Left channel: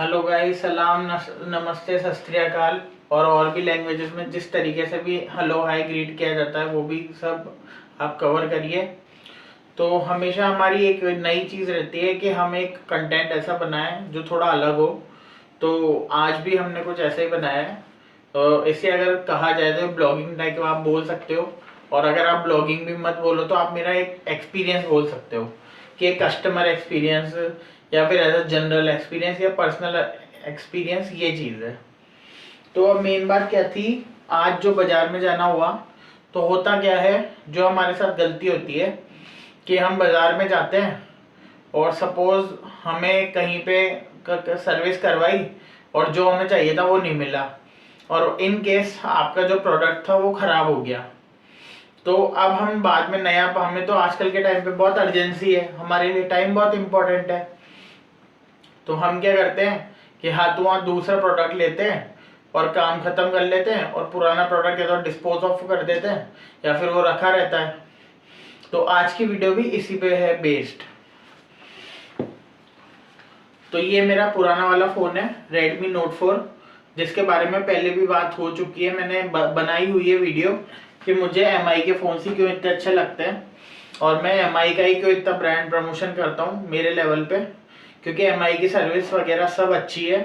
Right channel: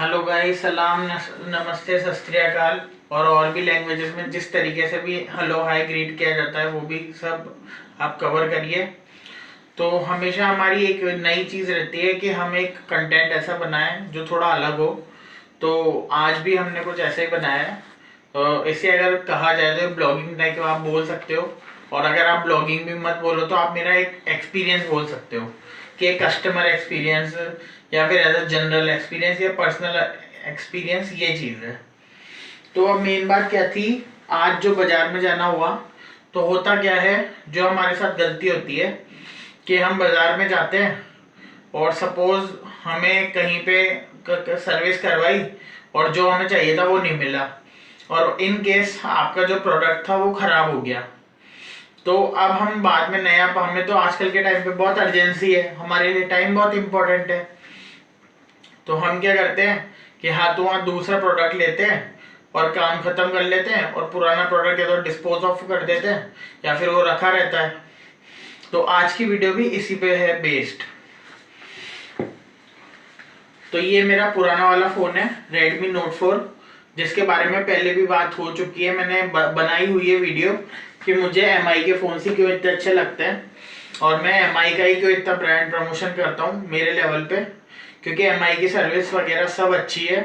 Hello guys, सलाम नमस्ते सत श्री अकाल। और भी लैंग्वेजेस में जिस तरीके से भी हेलो हाय ग्रीट किया जाता है वो भी सब आप कवर करिए। तो हमेशा हमारी एक नई चीज़ रहती है कि हम एक कंटेंट ऐसा बनाएं जो थोड़ा अलग हो। तो आज भी हमने कुछ ऐसा ही बनाया है। इसे अगर कहा जाए तो ब्लॉगिंग टाइप आप बोल सकते हो। और अगर आप ब्लॉगिंग भी मत बोलो तो आप मेरा एक एक्सपीरियंस बोल सकते हो कि एक कस्टमर एक्सपीरियंस या फिर एज अ जनरल एक्सपीरियंस या पर्सनल एक्सपीरियंस ये चीज़ है। तो अब मेन बात क्या थी, आज जो बाजार में जाना हुआ तो होता क्या है, जो हमारे साथ गलती होती है कि हम बाजार में जाते हैं और सपोज हमें कहीं पे सर्विस करवाई और जो हमें चाहिए था वो नहीं मिला, और इन केस आपका जो प्रोडक्ट था वो खराब हो गया। तो अब हम बाद में नया, हमें तो आजकल के टाइम पे बहुत अर्जेंसी है, हमारे लिए टाइम बहुत इंपॉर्टेंट है। तो हम क्या करते हैं कि हाँ तो वहाँ दूसरा प्रोडक्ट लेते हैं और काम खत्म कर लेते हैं, और पुराना प्रोडक्ट या तो डिस्पोज ऑफ कर देते हैं या फिर वो रखा रहता है। तो आज की वीडियो भी इसी पे है बेस्ड। तो ये मेरा पुराना वाला फ़ोन है Redmi Note 4, जिसके बारे में पहले भी बात हो चुकी है, मैंने बनाई हुई है वीडियो कि मुझे MI के फ़ोन से क्यों इतने अच्छे लगते हैं और मैं MI का ही क्यों इतना ब्रांड प्रमोशन करता हूँ मेरे लेवल पे, क्योंकि MI की सर्विस वगैरह सब अच्छी है।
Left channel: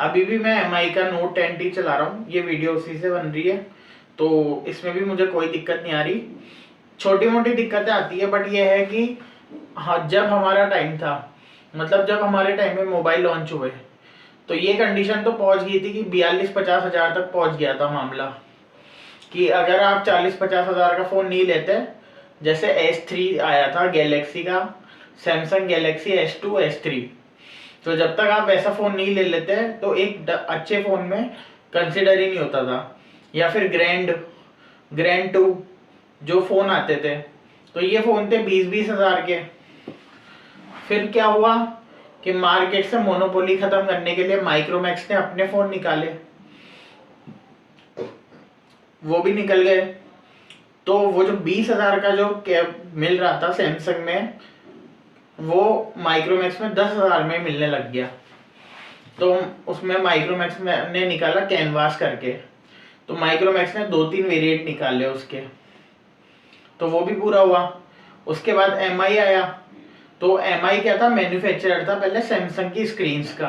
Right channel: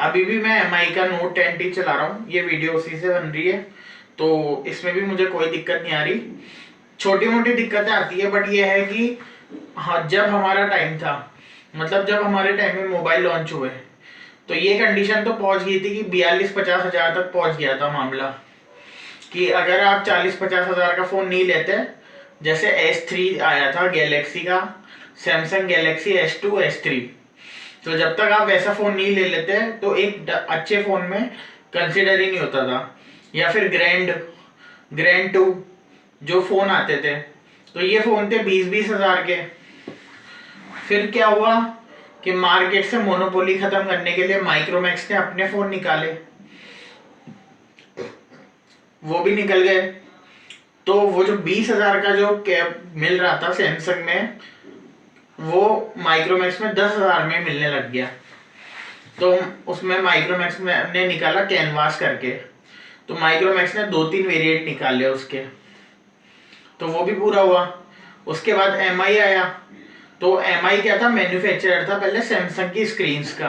अभी भी मैं MI का Note 10T चला रहा हूँ, ये वीडियो उसी से बन रही है, तो इसमें भी मुझे कोई दिक्कत नहीं आ रही। छोटी मोटी दिक्कतें आती है बट ये है कि हाँ, जब हमारा टाइम था, मतलब जब हमारे टाइम में मोबाइल लॉन्च हुए तो ये कंडीशन तो पहुंच गई थी कि 42-50 हजार तक पहुंच गया था मामला, कि अगर आप 40-50 हजार का फ़ोन नहीं लेते, जैसे S3 आया था गैलेक्सी का, सैमसंग गैलेक्सी S2 S3, तो जब तक आप वैसा फ़ोन नहीं ले लेते तो एक अच्छे फ़ोन में कंसिडर ही नहीं होता था। या फिर ग्रैंड 2 जो फ़ोन आते थे, तो ये फ़ोन थे 20-20 हजार के। फिर क्या हुआ कि मार्केट से मोनोपोली खत्म करने के लिए माइक्रोमैक्स ने अपने फ़ोन निकाले, वो भी निकल गए। तो वो जो 20 हजार का जो कैब मिल रहा था सैमसंग में, वो माइक्रोमैक्स में 10 हजार में मिलने लग गया। तो उसमें माइक्रोमैक्स ने निकाला कैनवास करके, तो माइक्रोमैक्स ने 2-3 वेरिएंट निकाले उसके, तो वो भी पूरा हुआ। उसके बाद MI आया, तो MI क्या था, मैन्युफैक्चरर था पहले सैमसंग की स्क्रीन्स का।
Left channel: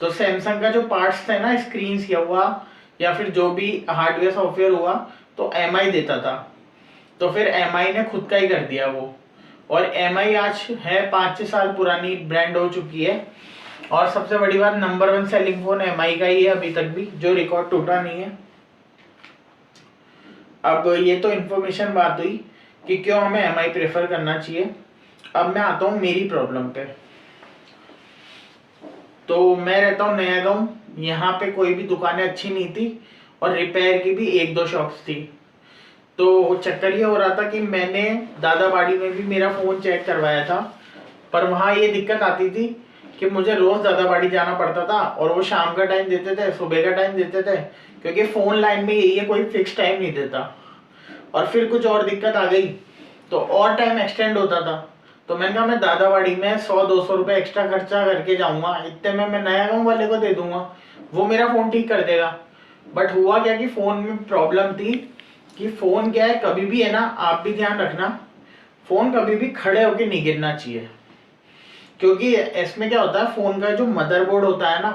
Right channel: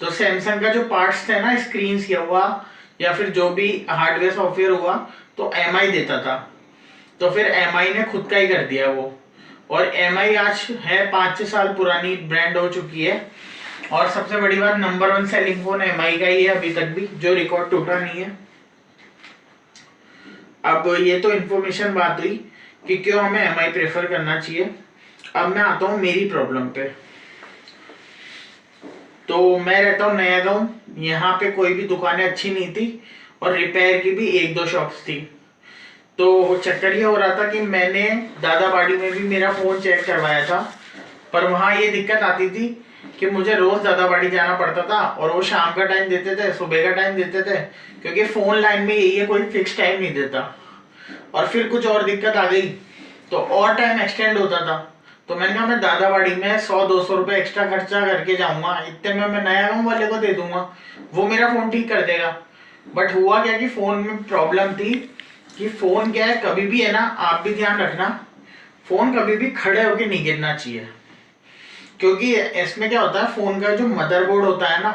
तो सैमसंग का जो पार्ट्स थे ना, स्क्रीन्स या हुआ या फिर जो भी हार्डवेयर सॉफ्टवेयर हुआ, तो MI देता था। तो फिर MI ने खुद का ही कर दिया वो, और MI आज है 5-6 साल पुरानी ब्रांड हो चुकी है। और सबसे बड़ी बात, नंबर 1 सेलिंग फोन MI का ही है अभी तक भी, जो रिकॉर्ड टूटा नहीं है। अब ये तो इन्फॉर्मेशन बात हुई कि क्यों हमें MI प्रेफर करना चाहिए। अब मैं आता हूँ मेरी प्रॉब्लम पे। तो मैं रहता हूँ नया गाँव, यहाँ पे कोई भी दुकानें अच्छी नहीं थी और रिपेयर की भी 1-2 शॉप्स थी। तो चक्कर ये हो रहा था कि मैंने दादाबाड़ी में भी मेरा फ़ोन चेक करवाया था, पर वहाँ ये दिक्कत आती थी कि मुझे रोज़ दादाबाड़ी जाना पड़ता था, और वो शाम का टाइम देते थे, सुबह का टाइम देते थे, क्योंकि फ़ोन लाइन में यही है, कोई फिक्स टाइम नहीं देता। और फिर कुछ और दिक्कत आ गई तो और टाइम एक्सटेंड होता था। तो मैंने कहा मैं दादाबाड़ी में 100-200 रुपये एक्स्ट्रा खर्चा करके जाऊंगा, इतने में मैं नया गाँव वाले को दे दूंगा, वो मेरा फ़ोन ठीक कर देगा। बट हुआ क्या कि फ़ोन में प्रॉब्लम थी कि फ़ोन क्या है, कभी भी है ना, आप भी ध्यान रखना, फ़ोन कभी भी खड़े होके नहीं गिरना चाहिए। क्योंकि इसमें क्या होता है, फ़ोन का जो मदरबोर्ड होता है ना,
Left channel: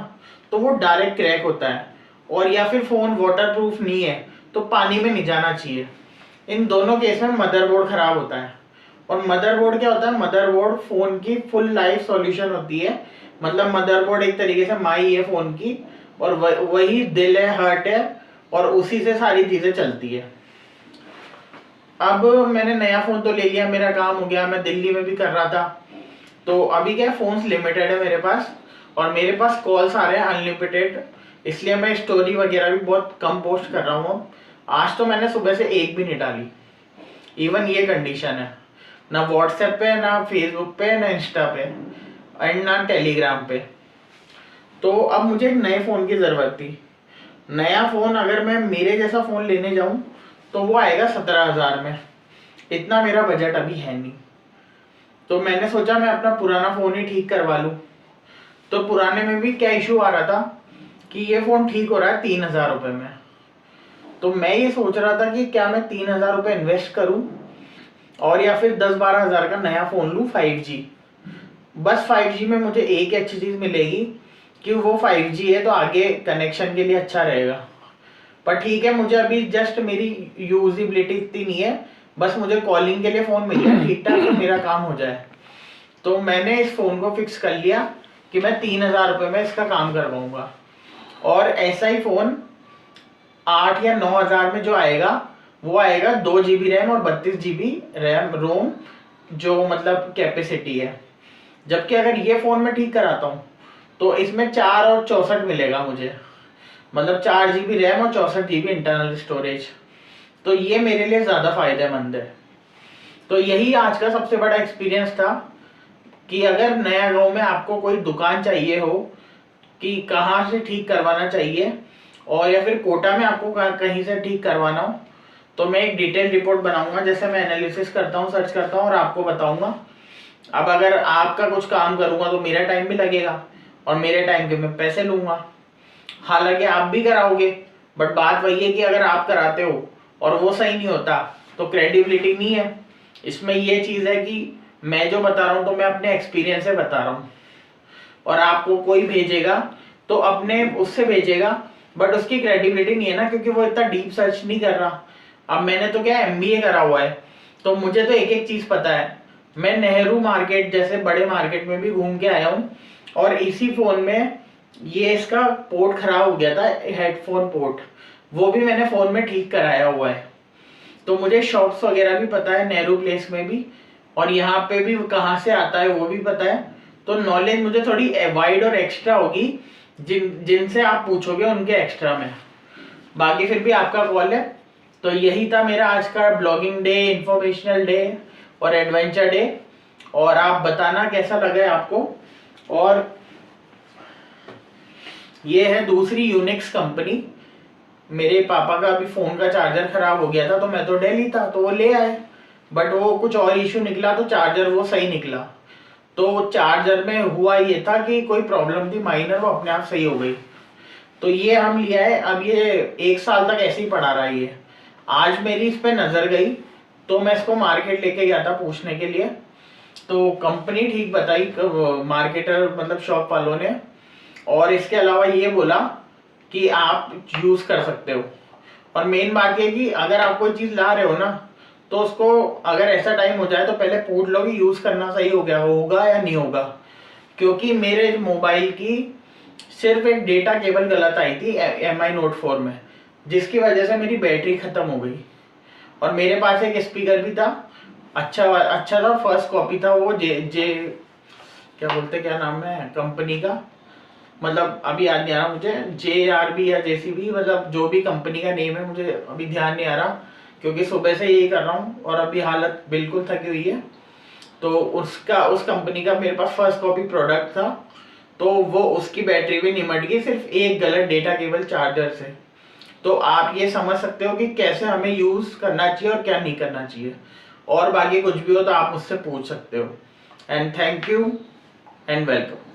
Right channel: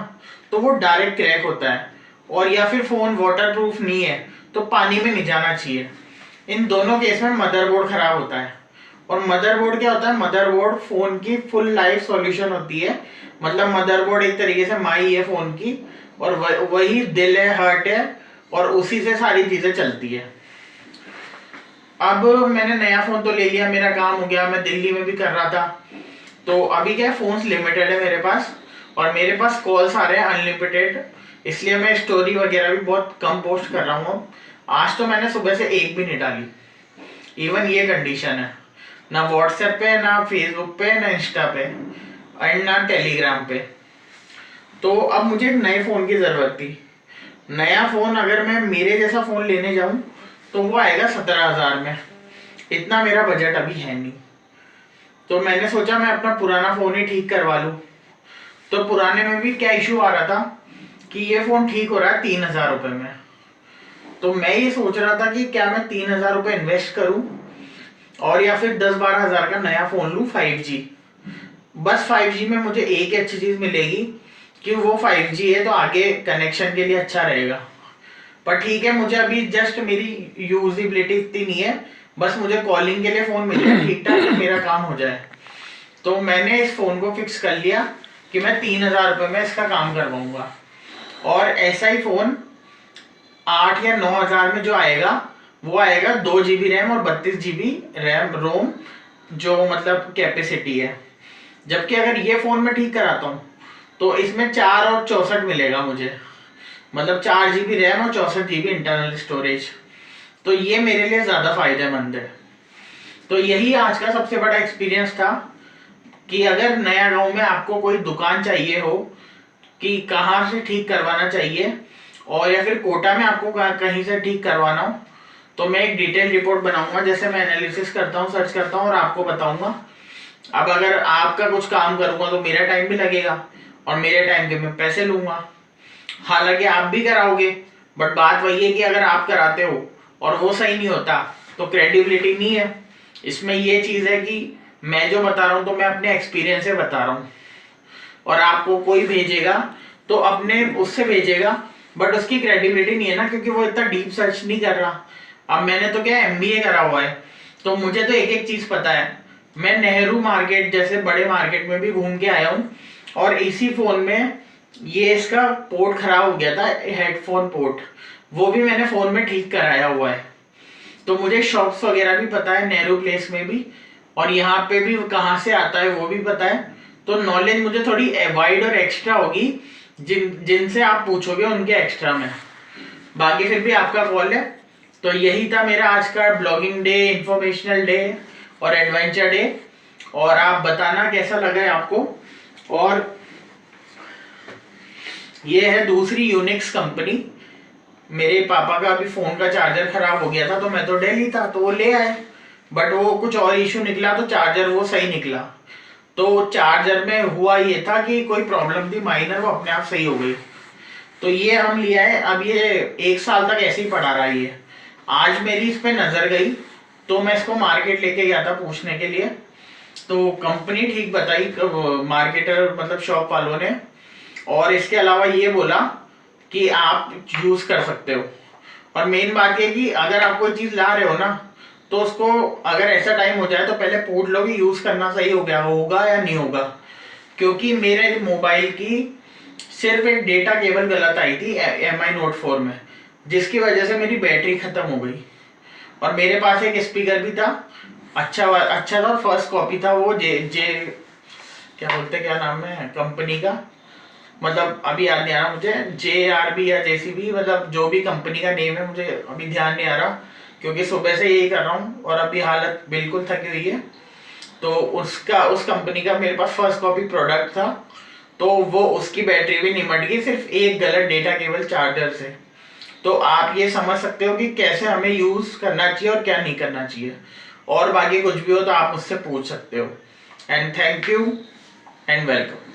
तो वो डायरेक्ट क्रैक होता है, और या फिर फ़ोन वाटर प्रूफ नहीं है तो पानी में नहीं जाना चाहिए। इन दोनों केस में मदरबोर्ड खराब होता है। और मदरबोर्ड क्या होता है, मदरबोर्ड फोन की फुल लाइफ सॉल्यूशन होती है। मतलब मदरबोर्ड एक तरीके से माई है फोन की, और वही दिल है, हार्ट है, और उसी से सारी चीजें चलती है। अब मैंने नया फोन तो ले लिया, मेरा काम हो गया, मैं दिल्ली में भी कर रहा था। तो अभी क्या, फोन्स लिमिटेड है मेरे पास, और मेरे पास कॉल्स आ रहे हैं अनलिमिटेड, इसलिए मैं स्टोरी वगैरह भी बहुत कम पोस्ट कर रहा हूँ। आज तो मैंने सुबह से एक भी नहीं डाली। इवन ये कंडीशन है, ना व्हाट्सएप पे, ना फेसबुक पे, ना इंस्टा पे, एंड ना टेलीग्राम पे। तो अब मुझे एक नए फ़ोन की ज़रूरत थी। नया फ़ोन अगर मैं मेरे जैसा फ़ोन लेने जाऊं तो वो आएगा 17 हजार में, इतना मेरा बजट अभी है नहीं। तो मैंने सोचा मैं अपना पुराना फ़ोन ही ठीक करवा लूँ। तो पुराने में भी क्या इशू आ रहा था कि ये फ़ोन ठीक हो रहा है 3,000 रुपये में। तो मैं ये सोच रहा था कि क्या मैं 3,000 रुपये इन्वेस्ट करूं और या फिर 10-12 हज़ार का नया फ़ोन लूं 5G। बस 5G में मुझे एक अच्छी चीज़ मिलेगी कि वो 5G है तो आगे कनेक्शन के लिए अच्छा रहेगा। पर ठीक है, मुझे अभी जस्ट मेरी यूजिबिलिटी इतनी नहीं है, बस मुझे कॉलिंग के लिए फ़ोन मिल जाए ठीक ठाक तो मेरा काम हो जाए। तो मैंने इस फ़ोन को फिक्स कर लिया कि मैं 3,000 रुपये में इसका काम करवाऊँगा। और ऐसा ही फ़ोन 8 या 9 हज़ार में जो आएगा वो आएगा 2 GB रैम और 32 GB रैम रोम, जो मतलब कैपेसिटी है। जबकि अगर ये फ़ोन मैं ठीक कराता हूँ तो इसमें 4 और 64 मिलेगा मुझे, मतलब 4 GB रैम और 64 GB इंटरनल स्टोरेज। तो ये मेरे लिए ज़्यादा फायदेमंद है। तो यही आज का सबसे बड़ा एक्सपीरियंस था कि अगर नया गांव में आपको कोई दुकान चाहिए हो कि कहाँ से ठीक करवाना चाहिए, और या फिर कोटा में आपको कहीं से ठीक करवाना हो, तो मैं एक डिटेल रिपोर्ट बनाऊंगा, जैसे मैं एनालिसिस करता हूँ, सर्च करता हूँ और आपको बताऊंगा। अब अगर आपका कुछ काम करूंगा तो मेरा टाइम भी लगेगा और मेरे टाइम के मैं पैसे लूंगा। हालांकि आप भी कराओगे, बट बात वही है कि अगर आप कराते हो और वो सही नहीं होता तो क्रेडिबिलिटी नहीं है। इसमें ये चीज़ है कि मैं जो बता रहा हूँ तो मैं अपने एक्सपीरियंस से बता रहा हूँ, और आपको कोई भेजेगा तो अपने उससे भेजेगा, बट उसकी क्रेडिबिलिटी नहीं है ना, क्योंकि वो इतना डीप सर्च नहीं कर रहा। अब मैंने तो क्या MBA करा हुआ है, तो मुझे तो एक एक चीज़ पता है। मैं नेहरू मार्केट जैसे बड़े मार्केट में भी घूम के आया हूँ, और इसी फ़ोन में ये इसका पोर्ट खराब हो गया था, हेडफोन पोर्ट, वो भी मैंने फ़ोन में ठीक कराया हुआ है। तो मुझे शॉप्स वगैरह भी पता है, नेहरू प्लेस में भी, और यहाँ पे भी कहाँ से आता है वो भी पता है। तो नॉलेज मुझे थोड़ी वाइड और एक्स्ट्रा होगी, जिनसे आप पूछोगे उनके एक्स्ट्रा में। बाकी फिर भी आपका कॉल है। तो यही था मेरा आज का ब्लॉगिंग डे, इंफॉर्मेशनल डे और एडवेंचर डे। और आप बताना कैसा लगा है आपको। और ये है दूसरी यूनिक्स कंपनी। मेरे पापा का अभी फ़ोन का चार्जर खराब हो गया था, तो मैं तो दिल्ली था तो वो ले आए, बट वो कुछ और इशू निकला तो चार्जर वो सही निकला। तो चार्जर में हुआ ये था कि कोई प्रॉब्लम थी माइनर, वो अपने आप सही हो गई। तो ये हम लिया है, अब ये 1 साल तक ऐसे ही पड़ा रहा। ये आज मेरी इस पे नज़र गई तो मैं इसको मार्केट लेके गया था पूछने के लिए, तो कंपनी ठीक बताई मार्केटर मतलब शॉप वालों ने। और इसके अलावा ये बोला कि आप यूज़ कर सकते हो। और मेन बात ये कि अगर आप कोई चीज़ ला रहे हो ना, तो उसको अगर ऐसा टाइम हो जाए तो पहले पूछ लो कि यूज़ करना सही हो गया होगा या नहीं होगा। क्योंकि मेरे मोबाइल की सिर्फ एक डेटा केबल गलत आई थी MI Note 4 में, जिसकी वजह से मेरी बैटरी ख़त्म हो गई। और मेरे पास एक स्पीकर भी था, अच्छा था, फर्स्ट कॉपी था वो, जे जे क्या बोलते, क्या नाम है कंपनी का, मतलब अभी याद नहीं आ रहा मुझे, JRB या JCB, मतलब जो भी कंपनी का नेम है मुझे अभी ध्यान नहीं आ रहा, क्योंकि सुबह से यही कर रहा हूँ और अभी हालत बिल्कुल थकी हुई है। तो उस कंपनी का मेरे पास फर्स्ट कॉपी प्रोडक्ट था, तो वो उसकी बैटरी भी निमट गई सिर्फ एक गलत डेटा केबल चार्जर से। तो आप ये समझ सकते हो कि कैसे हमें यूज़ करना चाहिए और क्या नहीं करना चाहिए। और बाकी कुछ भी हो तो आप मुझसे पूछ सकते हो। And thank you and welcome.